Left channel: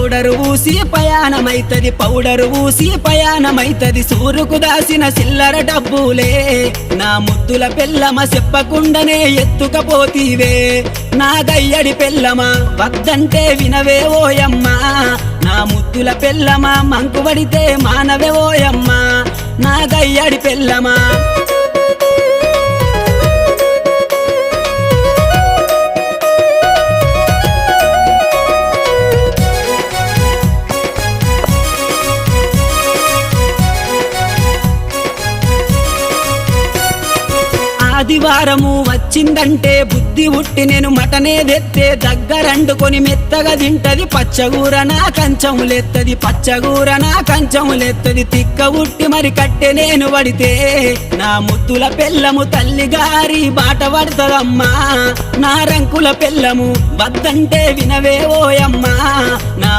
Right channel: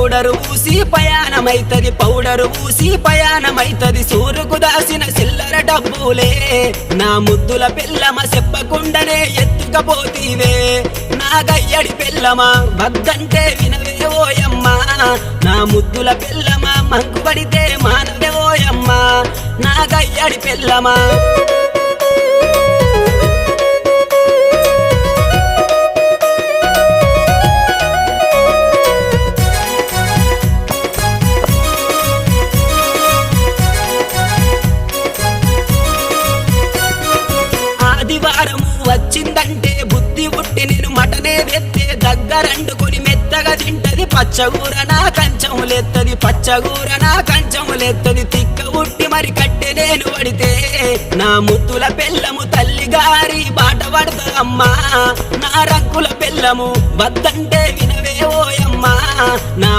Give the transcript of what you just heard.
powder ఊసి పయానమైతది సూరుకు దాసిన సిల్లర డబ్బులే నా ముద్దుల పెళ్ళమ చెప్పకుండానే ఎత్తుకపోతీవే నా గయ్యడి పెళ్ళమ వద్దంటే వినవే ఓయమ్మా నా ముద్దుల పెళ్ళమ మంకుబడితే మానవే ఓయమ్మా నా గయ్యడి పెళ్ళమా ఆదివారము వచ్చిందంటే బుద్ధి ఉట్టి నేను మటనే తెత్తే దగ్గరండుకొని మెత్తగా తింటది పచ్చగూర నా కంచములెత్తది తిక్క ఉట్టి మరి కట్టె నేను పడితే నా ముద్దుల పెళ్ళము తల్లి గారి బాట పడతదమ్మా నా రంకుల పెళ్ళము వద్దంటే వినవే ఓయమ్మా నా